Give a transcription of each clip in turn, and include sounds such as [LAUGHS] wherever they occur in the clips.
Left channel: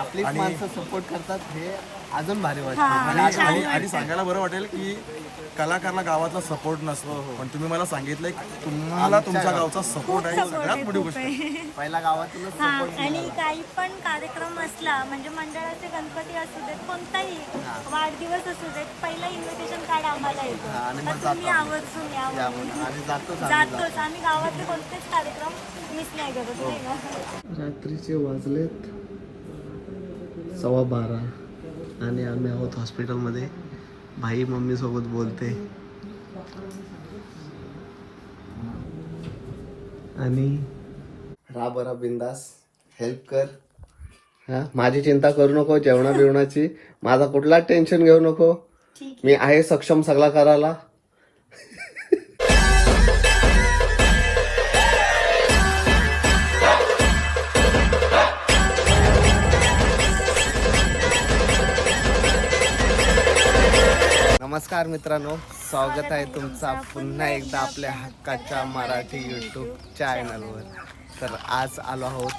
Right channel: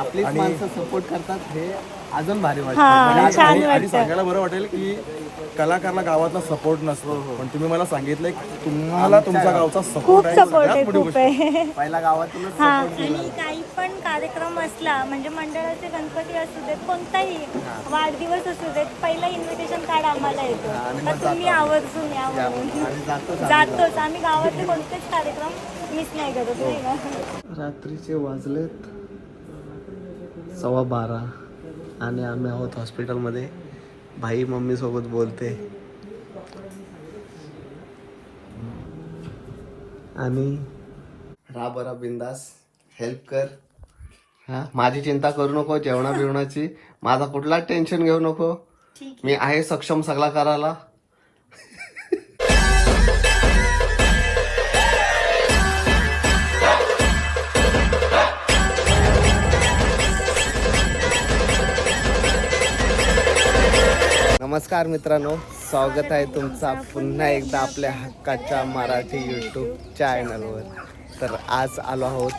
आपलीच आणि- माणसं सपोर्ट करतात हे अजून भारी वाटतं. हा, म्हणजे आणि. सांगायला बरं वाटेल की कलाकारला गावातला सपोर्ट हो, नसतो पण तुम्ही मला सांगितलंय की तुम्हाला तुमच्या गावचा खूप सपोर्ट आहे. सपोर्ट सगळ्यात आहे मोठी खूप गोष्ट आहे. [LAUGHS] पहिला गावातूनच हा आणि काही पण कार्यक्रम असला म्हणजे मंडळाचे गणपती असू देत कोणताही वाढदिवस असू देत पहिला इन्व्हिटेशन कार्ड आम्हाला येतो. हा, तर तुम्ही. आवर्जून या या म्हणून. आणि जातोच आम्ही जातोच. आम्ही गावातले कोणतेच कार्यक्रम मिस नाही करत नाही का? रात्रीचे वाजलेत. सव्वा बारा. आणि आम्ही आहोत हॉस्पिटलमध्ये. भाई मम्मी सोबत बोलते. आणि रा बरा बिंदास हेल्प कर. हा? माझी चिंता करू नको जेवणा बिवणाची माझा कुठलाच टेन्शन घेऊ नको. मी आहे सक्षम सगळा करायला नमस्कार मित्रांनो स्वागत आहे तुमचा पुन्हा एकदा आपल्या हक्काच्या मराठी यूट्यूब चॅनलवर तर आज आलो आहोत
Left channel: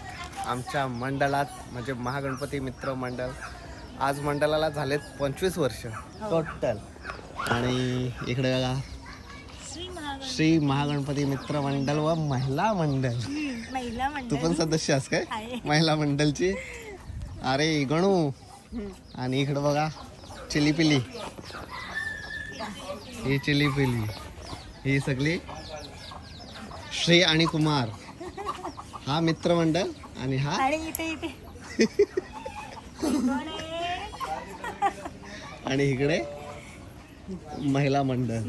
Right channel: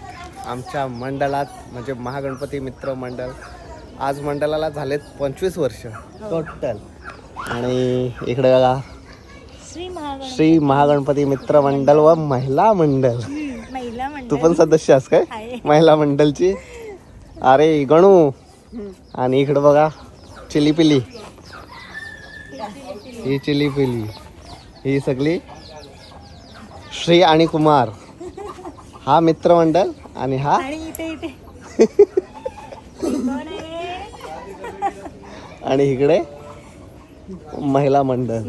आमच्या मंडळात म्हणजे महागणपती मित्र मंडळ. आज मंडळाला झालेत पंचवीस वर्ष टोटल आणि इकडे बघा श्री महाग श्री महागणपती मित्र मंडळ व महिला मंडळ. तू पण सदस्य आहेस काय? महिला मंडळची? अरे गणू. आणि इकडे बघा चिली पिली ही चिली पिली ही सगळी श्री आणि कुमार. हा मित्रमंडळ आणि हा आणि इकडे महिला मंडळ.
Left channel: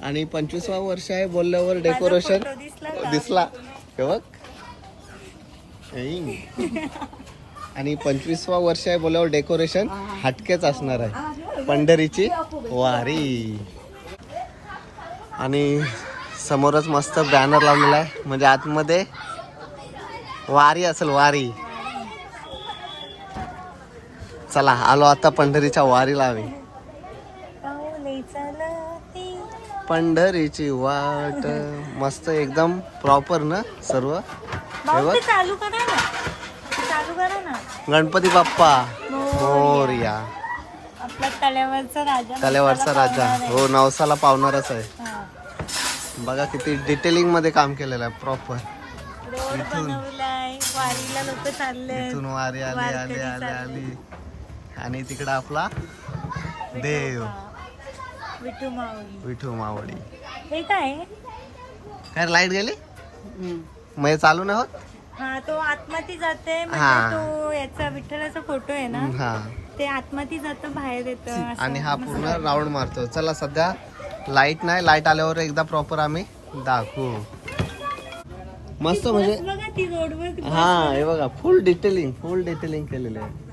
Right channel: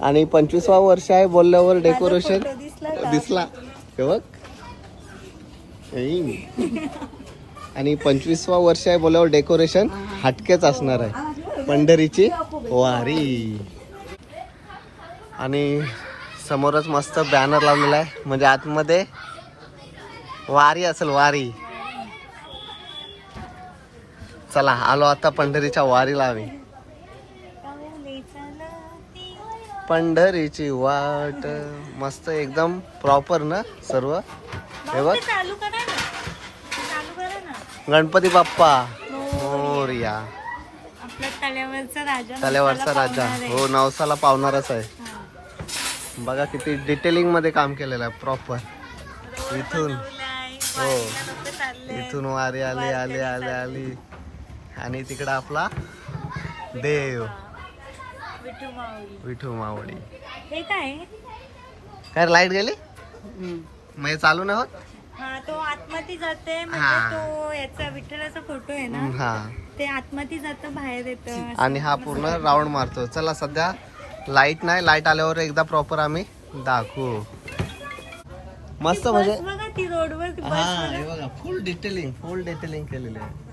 आणि पंचवीसवा वर्ष आहे बोलल्यावर डेकोरेशन. दिसला हे बघ. आणि पंचवीसवा वर्ष आहे बोलल्यावर डेकोरेशन हटकेच असणार आहे. पंढरीची. वारी. आणि समोरच मस्त बॅनर लावलेला आहे. म्हणजे आतमध्ये वारी असेल वारी. चला आलो आता पंढरीच्या वारीला आम्ही. पंढरीची वाट. मस्त एकदम प्रॉपर ना सर्व? हे बघ. गणपती बाप्पा. मोरया. आपला तल्यावरचा राजा राजा. हो नवसाला पावणारच आहे. हा. बघा किती डिटेलिंगमध्ये काम केलेलं आहे प्रॉपर इथून. हो. इथून वारी आली आली आली आली आणि तिकडं आपला देव. विठू मावळी. हे काय? काय लाइट गेली? मग हे चालू नाही होत? हा तो आतमध्ये जाते हा. म्हणजे तो याचा विठ्ठलाचा फोटो आहे ना? हा. ते आतमध्ये जातं बाहेर येतं. आणि हा पूर्ण राऊंड मारतो. चला सध्या लाइट नाही. लाइट आल्यावर एकदा प्रॉपर आम्ही दाखवू. मस्त म्हणजे बघा ती रोडवर ती बस हा. हे बघा फुल डिटेलिंग फुल डिटेलिंग केलेलं आहे.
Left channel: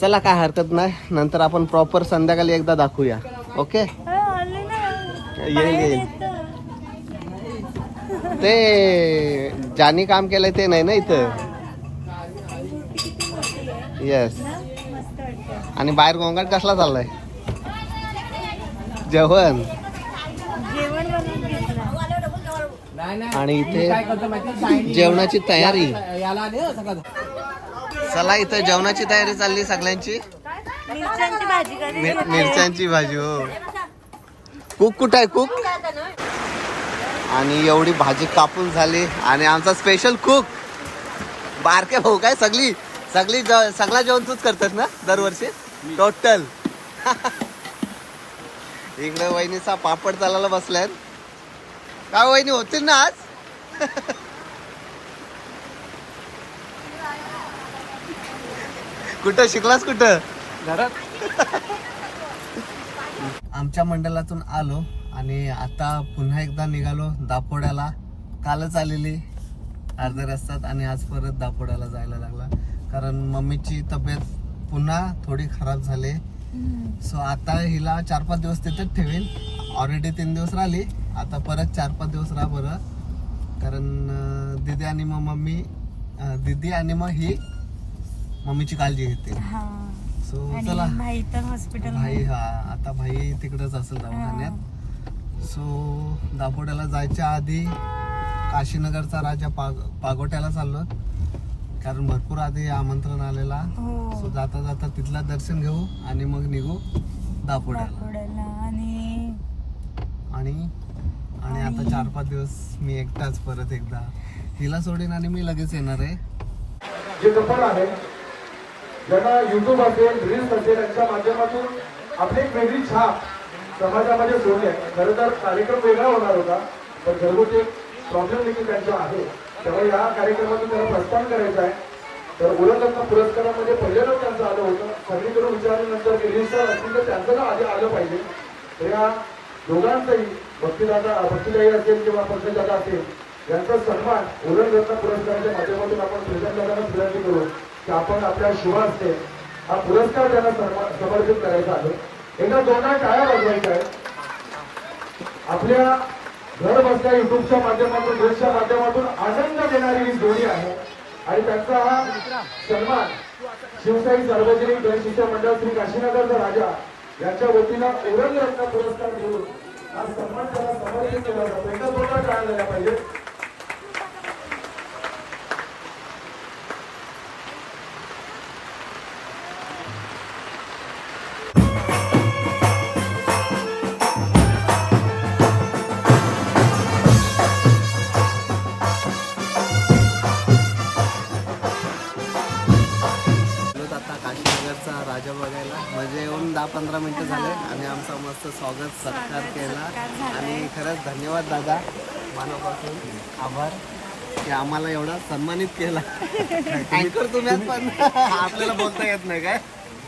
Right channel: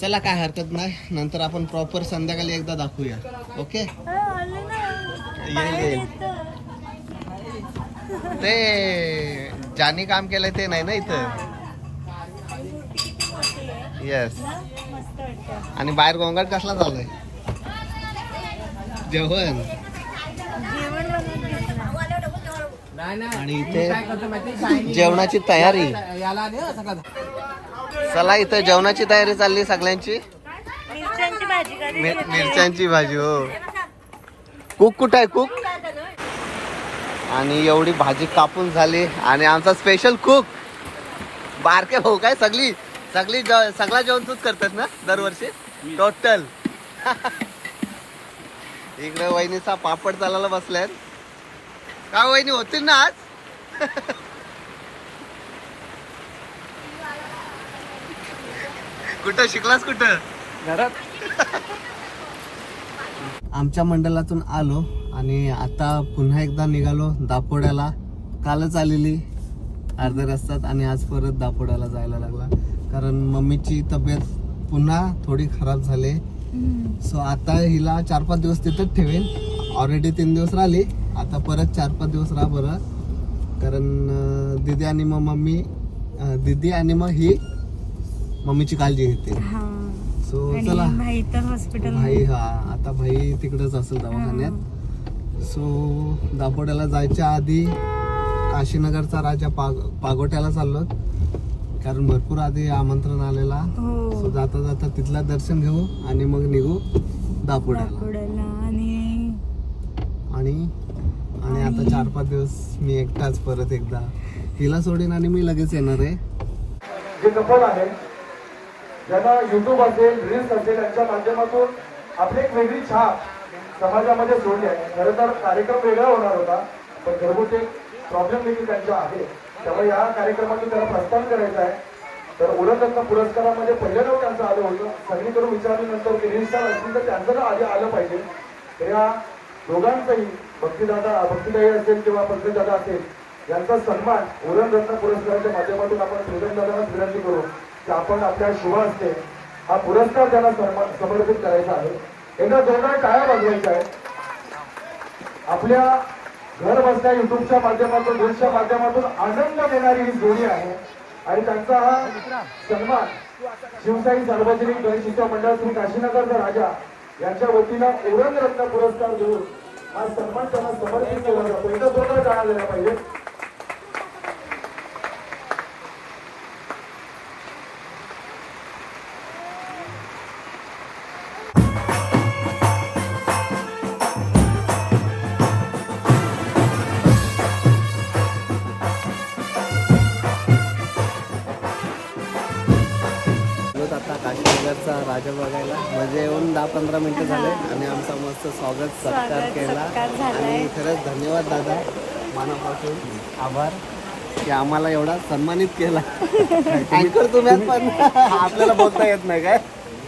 चला काय हरकत नाही. नंतर आपण प्रॉपर संध्याकाळी एकदा दाखवूया. ओके हा. येईल, येईल. ते ज्यानी काम केलंय ते नाही ना इथं आणि मूर्ती किती मोठी आहे येस आणि बाहेर गोंगाट कसला चाललाय? जेवण. आणि इथे जेवणाची तयारी. चला इथं जेवणाची तयारी चालली सगळ्यांची. मिरच्यांची भाजी हो. कुक कुठं आहे कुक? आणि एवढी भाजी कापून झाली. आणि आमचा स्पेशल कुक बारके भाऊ काय सगळी? सगळी ज- सगळा जेवण तूच करतात ना दरवर्षी? टोटल इकडे वहिनीचा पापड चालायला बसल्यात. काय वहिनी होतील ना आज? कुठं शिकलास कुठं? घरात. आमच्या मंडळातून आलो आणि आता पुन्हा एकदा निघालो दापोड्याला. कालच आलेली अर्ध्या रस्त्यात आणि आज परत दापोड्याला जायला लागला. कारण मम्मीची तब्येत पुन्हा थोडी खराब झाली. सो आता हिला चार पाच दिवस तिथंच ठेवेल ऑलरेडी तीन दिवस राहिली. आता परत चार पाच दिवस राहा बरं. कारण दीदी आणि मग मम्मी दीदी आणि मग ही मम्मीची काळजी घेते. हा. सो चला. भाई तर हॉस्पिटल भाई हा. आता भाई तिकडेच असेल दवाखान्यात. सो दापोड्याला जायच्या आधी काशीनगरचा राजा पाग पागोट्याला चाललो कारण भरपूर आधी आमंत्रण आलेला. हो. सो जाता जाता तिथला दर्शन घेऊ आणि मग निघू दापोड्याला. आणि आणि आणि आता चार पाच दिवस मी एकटाच परत एकदा. हिला सोडीन आणि मी लगेच येणार आहे. जे कपल आहे ज्यांना युट्यूब असेल रील्स असेल यांच्या माध्यमातून आपली एक वेगळी छाप समाजामध्ये सोडली आहे खरं तर कार्यक्रम वेगळा होणार होता पण घरगुती प्रॉब्लेम देखील त्यांच्या आहे. त्यामुळे या कार्यक्रमातून त्याला प्रस्थान करायचं आहे. तर उलटरत्न पुरस्कारामध्ये पहिल्यांदा त्यांचं आलं होतं. सगळीकडून विचारल्यानंतर रील्स असतील तर त्यांचं आधी आलं पाहिजे. तर या दोघांचाही भक्तीदादा भक्तीदाई असेल किंवा पंकजदादा असेल यांचा सन्मान उरणरत्न पुरस्काराच्या माध्यमातून आपण प्रेमदादांना विनंती करू की आपण आपल्या शिवांचे हा पुरस्कार त्यांना सन्मान समर्पित करायचा आहे. एकदा दोघांना काय वाजवायचं आहे आपल्या घर बसल्या युट्यूबच्या माध्यमातून रील्सच्या माध्यमातून आनंद आणि त्यांचा हा सन्मान शिवशाही सार्वजनिक जनशिक्षा मंडळ श्री काशीनाथांचा राजा यांच्या वतीनं उरणरत्न पुरस्कार देऊन हा सन्मान त्यांना समर्पित केला जातो. एकदा दोनदा काय झाल्या पाहिजे. राजा बघायला. म्हणजे येऊन दहा पंधरा मिनिटं झाले आणि आमचा मस्त स्वागत सत्कार केला. आणि खरंच धन्यवाद दादा. मनापासून आभार की आम्हाला एवढा सन्मानित केला. अँकर तुम्ही पण. आपल्याला बोलता येत नाही काय?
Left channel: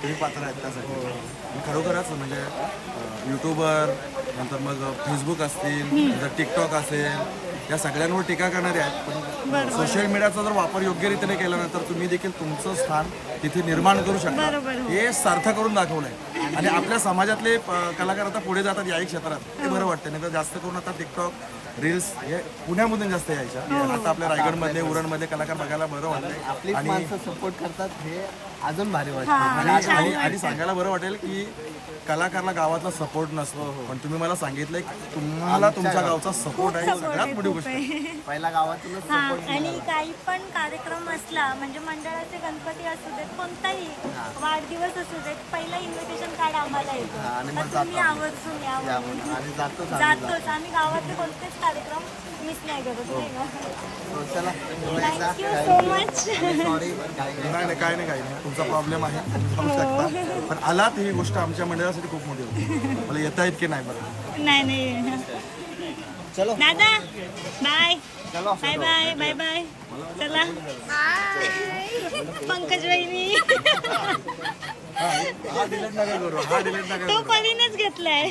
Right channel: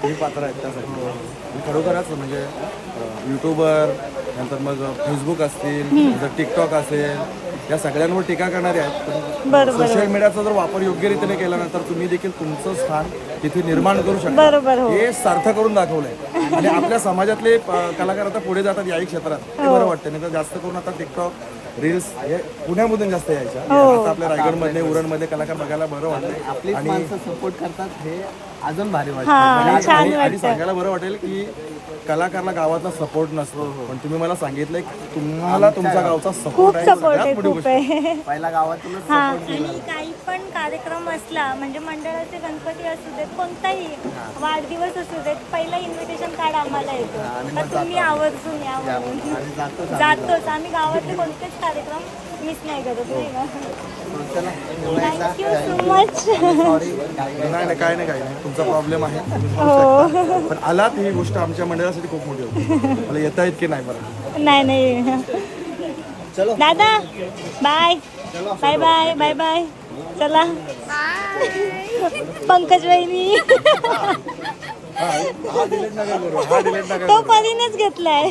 तुम्ही पात्र आहेत त्यासाठी. आणि खरोखरच म्हणजे युट्यूबर नंतर मग फेसबुक असतील नंतर टिकटॉक असेल या सगळ्यांवर टीका करणारे आहेत. पण सोशल मीडियाचा जर वापर योग्य रीतीने केला ना तर तुम्ही देखील तुमचं स्थान तिथे निर्माण करू शकता. हो. हे सार्थ करून दाखवलंय. आणि आपल्या समाजातले कलाकार आता पुढे जातात याही क्षेत्रात. ते बरं वाटतं नाही तर जास्त करून आता टिकटॉक रील्स हे पुण्यामधून जास्त यायच्या. आता आपल्या रायगडमध्ये उरणमध्ये कलाकार बघायला बरं वाटतंय. आणि सपोर्ट करतात हे अजून भारी वाटतं. हा छान आणि- वाटतं सांगायला बरं वाटेल की कलाकारला गावातला सपोर्ट नसतो. पण तुम्ही मला सांगितलंय की तुम्हाला तुमच्या गावचा सपोर्ट आहे. सगळ्यात मोठी गोष्ट. [LAUGHS] पहिला गावातूनच हा आणि काही पण कार्यक्रम असला म्हणजे मंडळाचे गणपती असू देत कोणताही वाढदिवस असू देत पहिला इन्व्हिटेशन कार्ड आम्हाला येतो. तर तुम्ही आवर्जून या म्हणून. आणि जातो जातोच. आम्ही गावातले कोणतेच कार्यक्रम मिस नाही करत नाही का? चला. थँक्यू सो मच नाही. काय नाही काय नाही. तुमचा प्रॉब्लेम आहे तुम्ही सांगू शकता. पण आलात ही गोष्ट आमच्या मंडळासाठी खूप मोठी होती. मला येता येत की नाही बरं? नाही नाही. चलो. दादा बाय. चलो बाय बाय बाय बाय. चला. पंकज वहिनी. हा डिलेट नका करू हा डिलेट नका तो परीनेच घेतलाय.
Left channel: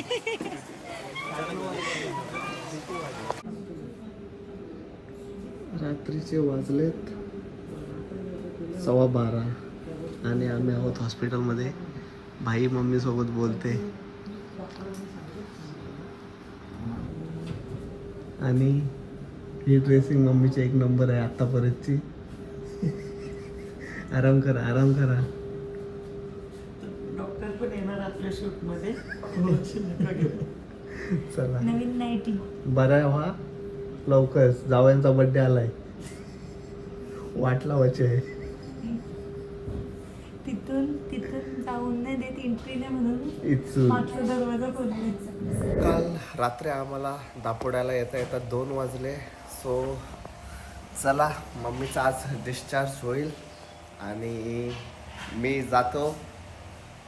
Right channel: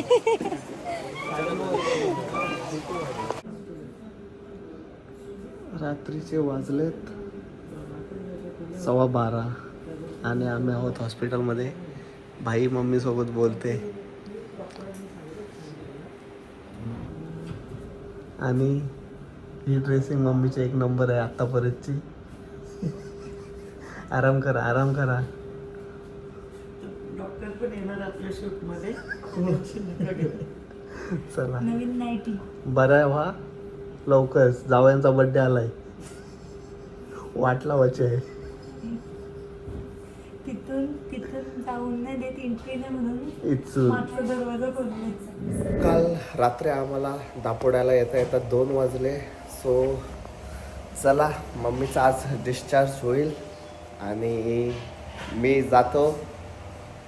रात्रीचे वाजलेत सव्वा बारा. आणि आम्ही आहोत हॉस्पिटलमध्ये. भाई मम्मी सोबत बोलते. आणि ही ड्रेसिंग मम्मीची एक नंबर आहे आतापर्यंतची. [LAUGHS] आराम करा आराम करा. [LAUGHS] चला. नवीन नाईटी बरं व्हा. लवकर जावयांचा बर्थडे आलाय. वाट लावायची आहे तिथून तिथून जाऊन नाही देत एंट्री नाही म्हणून इचून मागचा दरवाजा काल रात्री आम्हाला दापोड्याला येता येता दोन वाजले. सो चला मम्मीचा आज डिस्चार्ज होईल. आणि मी जातो.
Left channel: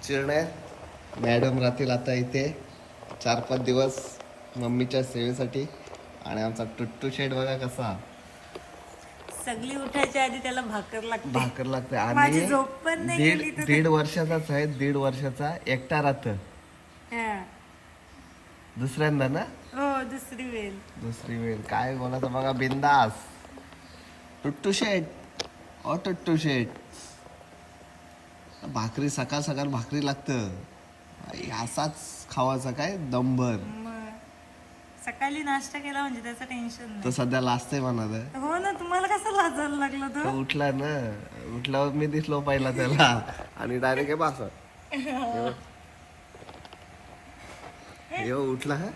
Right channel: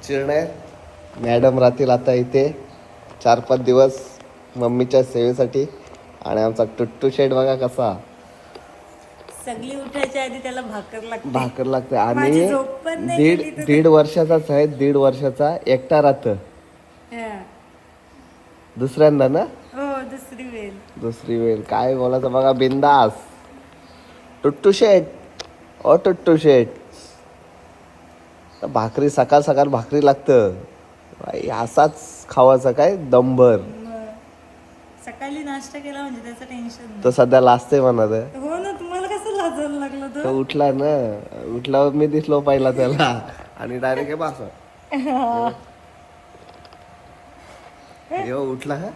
चिरण्यात मॅडम राहतील आता इथे. चार पाच दिवस मम्मीच्या सेवेसाठी. आणि आमचा टुट्टू शेड बघा कसा. सगळी उठायच्या आधी त्याला भाकर लागते. भाकर लागते. माझी आणि झोप पण नाही दीड गेली तर- दीड वर्षाचाच आहे. दीड वर्षाचा एकटा राहतं. हा. दुसऱ्यांदा ना? हो दुसरी वेळ. दुसरी वेळ. काय बोलायचं बघा बिंदास. टुट्टू शेट ओ टुट्टू शेट भाकरी सकाळ सकाळ भाकरी लागतं. बाई, असाच खावायचा काय? दंबर मग सकाळी नाश्ता केला म्हणजे त्याचं टेन्शन तो सध्या लाजतंय म्हणत नाही हो ना तुम्हाला लागलं तो उठला ना उठल्यावर मी दिसलो पहिला त्याला. आणि डायरेक्ट हे बास. यो उठला हा.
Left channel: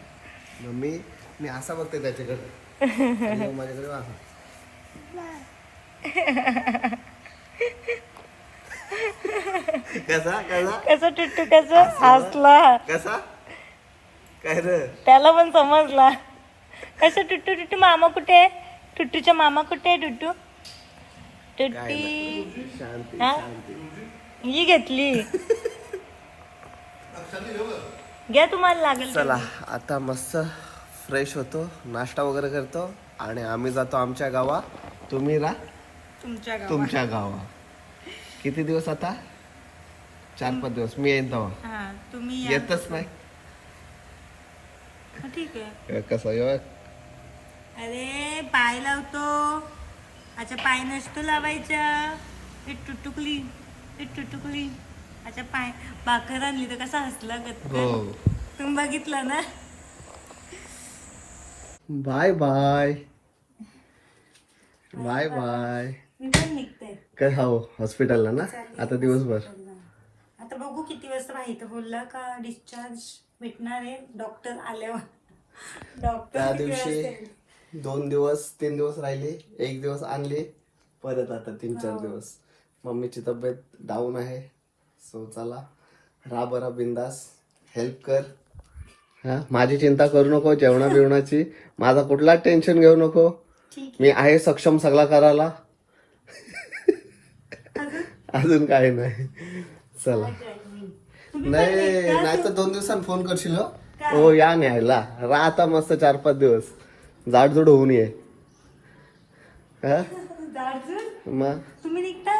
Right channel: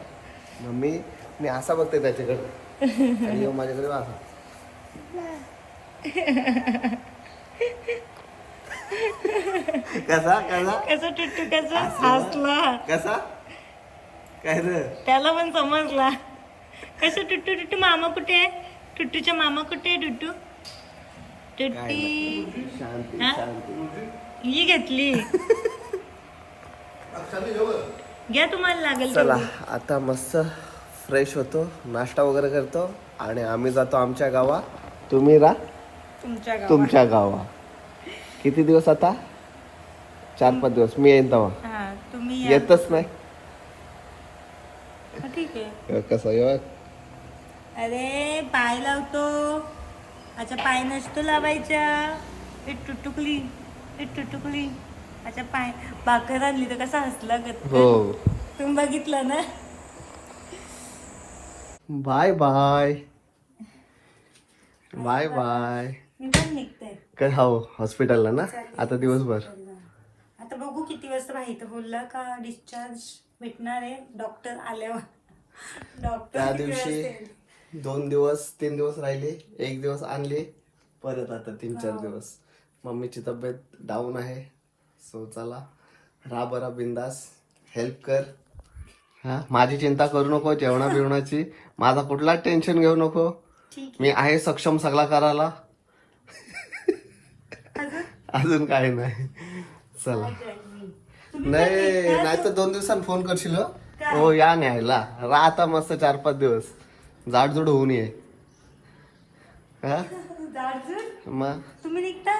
मम्मी मी असा बघते त्याच्याकडे. आणि ह्यो माझ्याकडे वासा कसा कसा? कसं टुट्टू कसं हसला? कसा? काय रे? त्याला पण समजला. कसं टुट्टू टुट्टू मामा कुठे? आहे टुट्टूच्या मामा कुठे आहे टुट्टू टुट्टी शांती हा? ही घेतली. घ्या तुम्हाला लागेल चला आता मस्त फ्रेश होतो नाश्ता वगैरे करतो आणि आम्ही जातो आमच्या गावा. तुम्ही रा तुमच्या गावा. किती दिवस आता? चार पाच दिवस. मी येईन तेव्हा. हा तुम्ही. येतच नाही. हा, ठीक आहे. कसं येऊ अरे पाय लावतो. अच्छा पाय नसतो लावायचा हे टुटुकली हे टुटुकली अच्छा पाय भाकर आणली तर कसा हसला गत हो. तुम्ही बघितलं ना? Bye bye. बाय बाय मी पण निघते. काय हो हॉस्पिटलला ना? आता दिवसभर. आता बघू किती वाजता माहिती बोलला का डिस्चार्ज भेटणार आहे. डॉक्टर आल्यावर. डॉक्टर त्या किती दिवशी? दोन दिवस तीन दिवस राहिले एक दिवस आणले परत आता तीन चार दिवस. मम्मीची तब्येत डाऊन आहे. सो चला. रा बरा बिंदास. हेल्प कर. हा? माझी चिंता करू नको जेवणा बिवणाची. माझा कुठलाच टेन्शन घेऊ नको. मी आहे सक्षम सगळा करायला अजून काही नाही. चला. नाही नाही तर दोन दिवसांनी फोन करशील हो? हो या न्यायला. राहता मस्त चार पाच दिवस. जाडजूड होऊन ये हा? दार्जुन मग? तुम्ही निघता?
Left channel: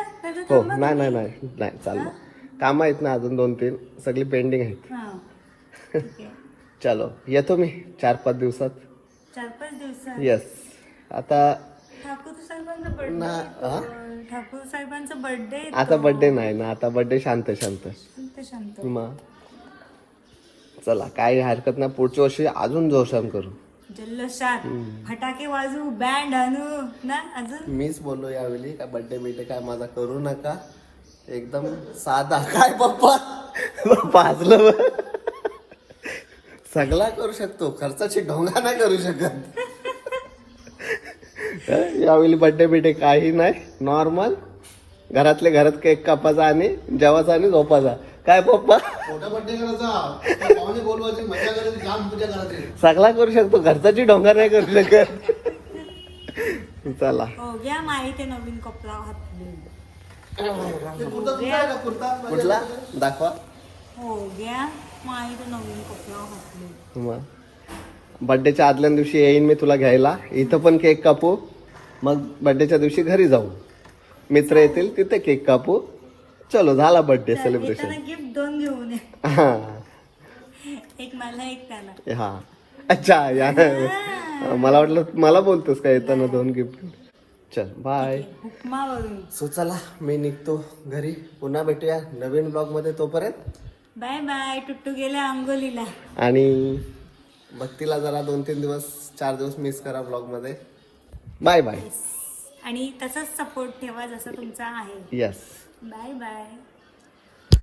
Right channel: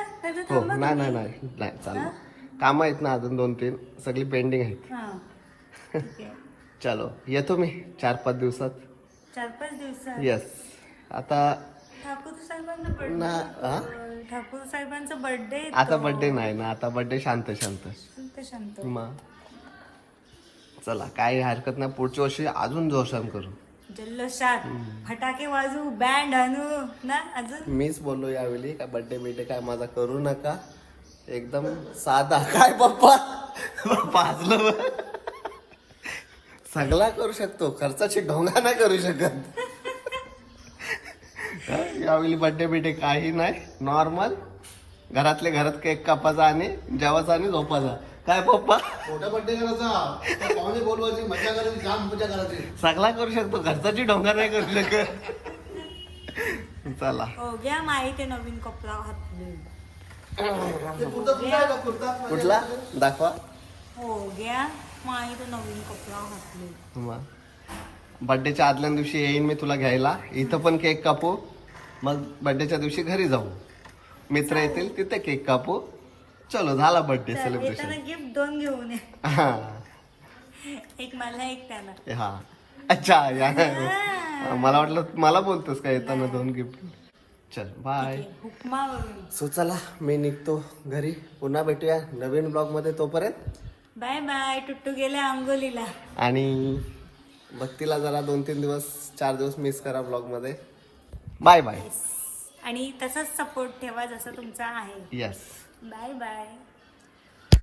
हो नाही नाही. नाही. नाही चाललं कामं आहेत ना अजून दोन तीन. सगळी पेंडिंग आहेत. हा. [LAUGHS] चलो येतो मी चार पाच दिवसात. चार पाच दिवसात? येस आता साहेबांचा हा? ठाकूर साहेबांचा बर्थडे आता बर्थडे नाही ना आता बर्थडे शांत शांत. शांत शांत. मग? चला काही हरकत नाही. पुढच्या वर्षी अजून जोशान करू. जल्लोषात. फटाके वाजू बँड आणू ना अजून? मीच बोललो यावेळी काय बर्थडे बिड्डे काय माझा करू नका. एकदम साधा. काय पप्पा? बरं. सगळा करू शकतो. खर्चाची ढोंगा नाही करू शकत. यावेळी बर्थडे बिड्डे काही नाही. नॉर्मल घरातले घरात केक कापायचा आणि जेवायचा आणि झोपायचा. काय पप्पा? सगळा करू शकतो घरचाची ढोंगा नाही करू शकत. चला. हो घ्या माहिती नवीन कपडा कुठला दाखवा. हो घ्या. माहिती नवीन कपडा बड्डेच्या आदल्या दिवशी येईन मी तुला घ्यायला. इथं पण केक कापू. मग बड्डेच्या दिवशी घरी जाऊ. मित्र येतील तिथे केक कापू. चलो झाला बर्थडे सेलिब्रेशन गिफ्ट दोन घेऊन ये. हा. एक मला एक त्याला. हा. अच्छा या. मला वाटलं मला बोलतोस का येताना दोन गिफ्ट चल बाय उपमा वरून सो चला मी निघतो घरी. पुन्हा भेटूया नवीन ब्लॉगमध्ये तोपर्यंत. बाय बाय टुट्टू गेल्या आंघोलीला आणि भक्तीला जरा दोन तीन दिवस चार दिवस मिस करा ब्लॉगमध्ये. बाय बाय आणि तसाच सपोर्ट ठेवा जसा तुमचा आहे. Yes bye bye